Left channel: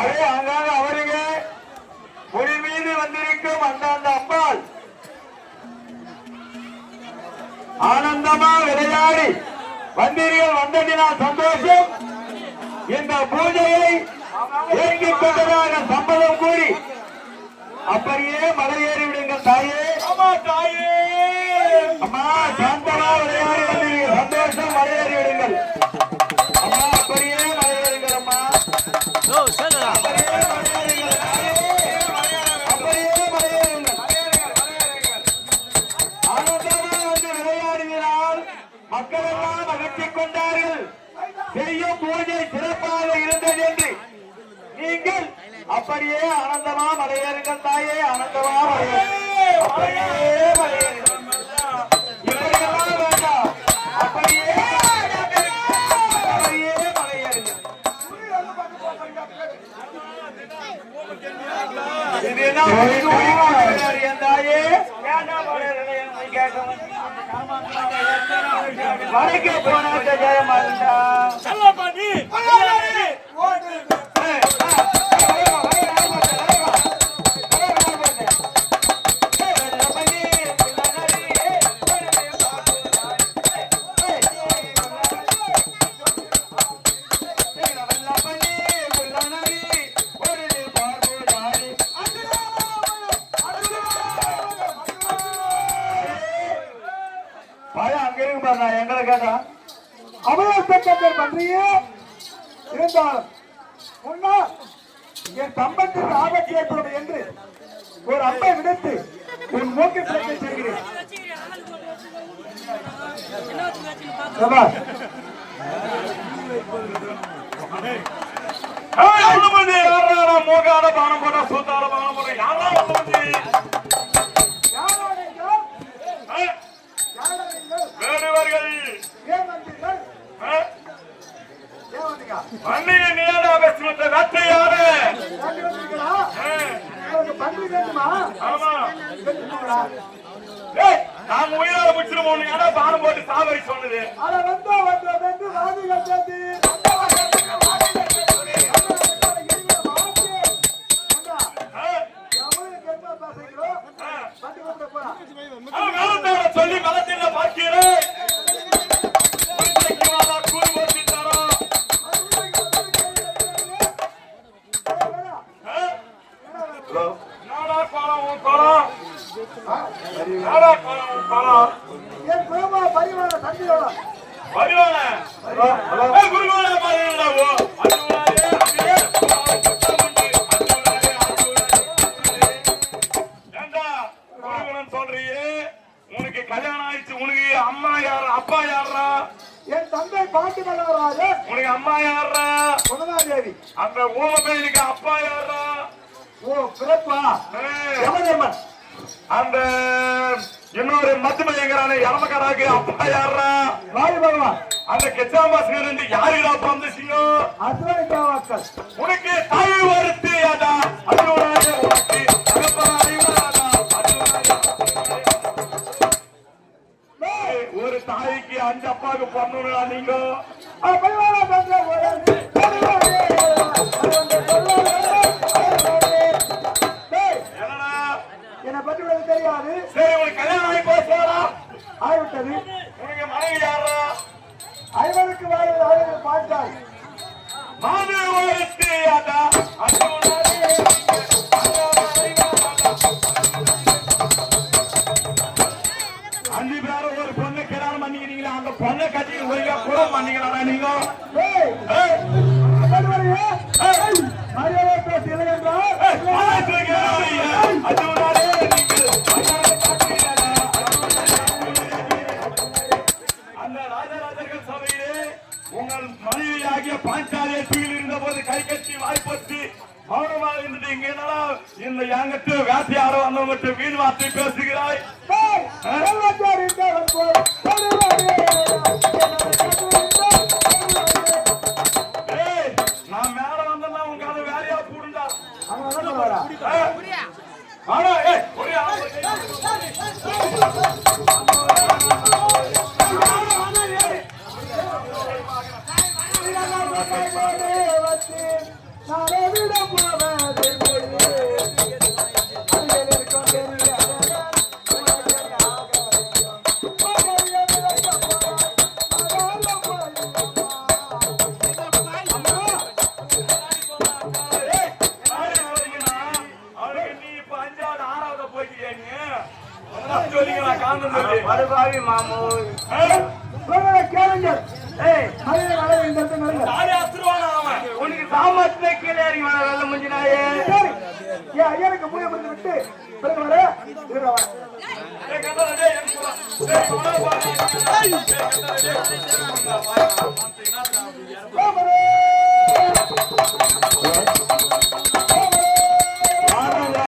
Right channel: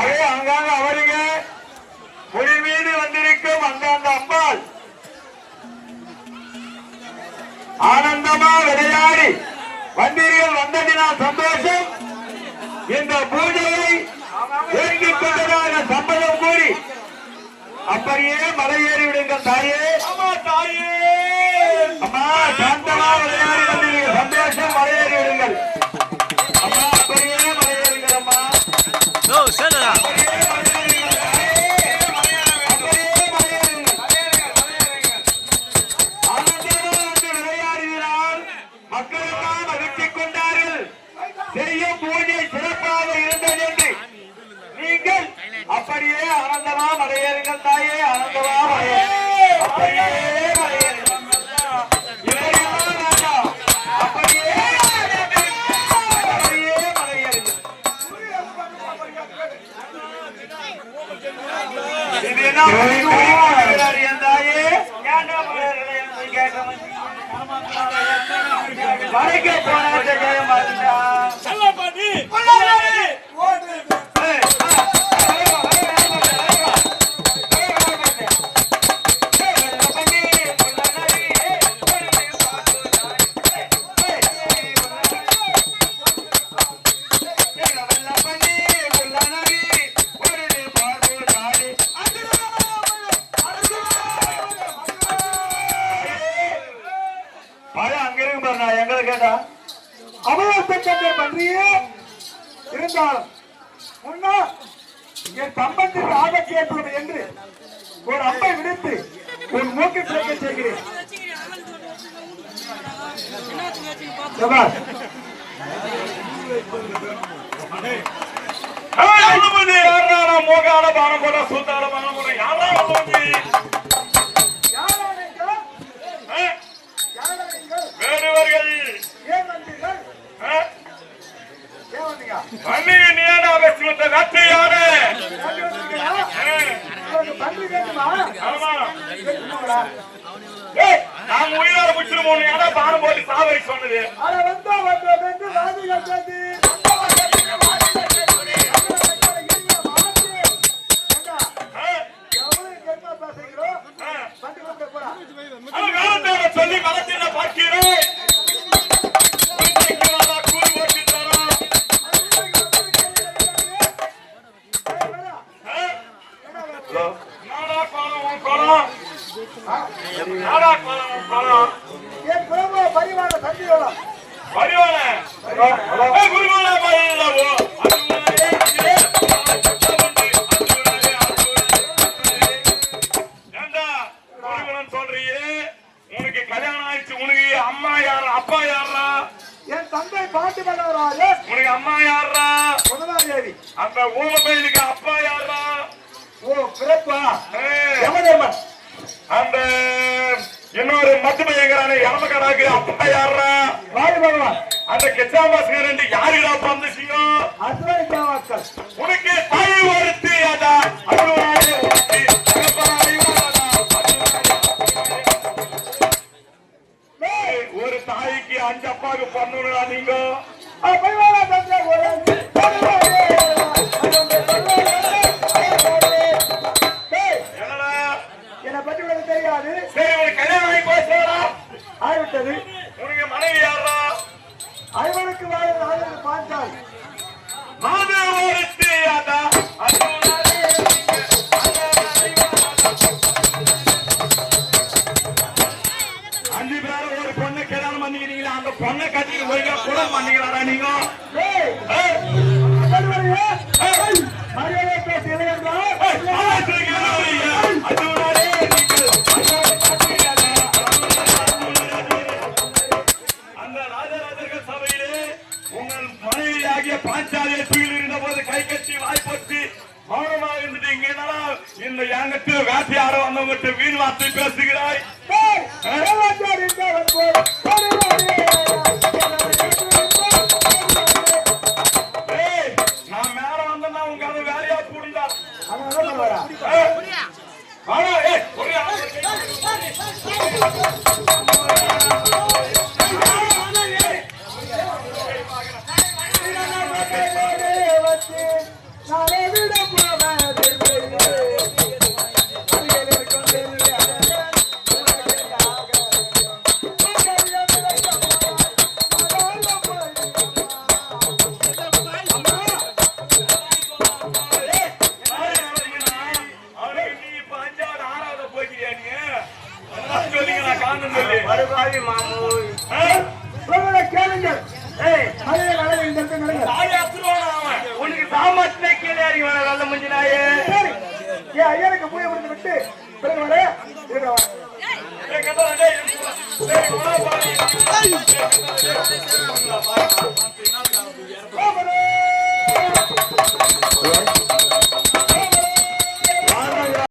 அதே அங்காங்க அவருங்க மொழி மீது வந்திருக்கும் அந்தந்த அம்பாள் ஆனந்தமா விளையாடி வந்தீர்கள் வந்ததினால் சந்தோஷம். இந்த பூஜையை ஏற்றுக் கொண்டதாக சம்மதம் கூறி அப்படியே மலையேறி விடுங்கள் தாயே. அம்மா தாயே, அம்மா சாந்தமா விளையாடி வந்தீர்கள் சந்தோஷம், மலையேறி விடுங்கள் அம்மா. அப்படியே மலையேறுங்கள் அம்மா. மக்களெல்லாம் மகிழ்ச்சி கொண்டார்கள். செய்யும் பூஜை சிறப்பாக இருந்தது என்று நீங்கள் அப்படியே ஆனந்தமா மலையேறுங்கள் தாயே. ஆனந்தமா மலையேறுங்கள், அப்படியே மலையேறுங்கள், இப்படியெல்லாம் வேண்டாம், அப்படியே மலையேறுங்கள். தாயே வடக்கே போனவற்றை ஜெய மாட்டா செல்லப்பாண்டி எங்களை கேட்டா அமலாக்கத்தை பற்றியே இருந்தாலும் முன்னா என் சம்பத்திற்கு ஆபத்து ஏற்படும் என்று ஒரு அம்பை விடுத்து என் நோக்கத்திற்கு செய்கிறேன். மோகான பான போட சூத்தால பான போட நான் உயிரை முடிச்சு 3 இடம் பான போட்டு சாவரி சொன்னது சொல்லி மலத்தின பார்க்கிறேன். உனக்கு கல்யாணம் ஆயிடுச்சு, உனக்கு அம்மா யாரு அப்பா யாரா? என் தந்தை பாட்டி மலராஜ. உனக்கு அம்மா யாரா? குணமாதேவி. அந்த ஓபேனுக்கு அப்பா யாரா? ஓ பிறப்பா அந்த இன்னொரு மத்துமைங்கிறான யமகராக்கு அப்பா யாரா? வாயு பகவான். அந்த கெச்சாமாஸ்கர் யாருடா பிறந்துச்சீங்க? உனக்கு தாய் ஒருத்தி அதா அதுவாக உனக்கு ஒரு தாய்க்கு 5 அப்பாவுக்கு பண்ணா நீங்க என்னை பற்றி உனக்கு தெரியாது. சரி, ஒரு கல்யாணம் ஆகி போச்சா? ஆகிவிட்டது. உனக்கு மனைவி யாரா? ஐவருக்கு பார்த்தால் மாது ஒருத்தி அதா 5 பேரும் ஒரு பொண்ணு கல்யாணம் பண்ணிக்கிறீங்களா? அந்த பொண்ணை கட்டி ஒழுங்கா கூட பண்ணிக்கிறாரா நீங்க? அந்த ராஜராஜர்கள் சபையிலே உங்கள் மனைவியாகிய பாஞ்சாலியத்தில் இருந்த போது கை கட்டி வாய்ப்பட்டு மௌனமாக இருந்துட்டீங்க. இந்த யாங்கட்டு காட்சி ஆட வந்தவங்கிட்ட வீண் வார்த்தை பேசுகிறாய். நான் மேல வந்தேன்னா உங்க வேலையா கூடிதா நானே கேளுங்க. மலையை மலை இந்த இடத்துல நடங்க. தாலி அசுருவானா அவன் உனக்கு சாமர்த்திய கீழே ஏறி வர நல்ல முஞ்சினாயே ஏன் ஐயனுக்கு பூஜை பண்ணி விட்டு பிறகு வர இருக்கவா Hey,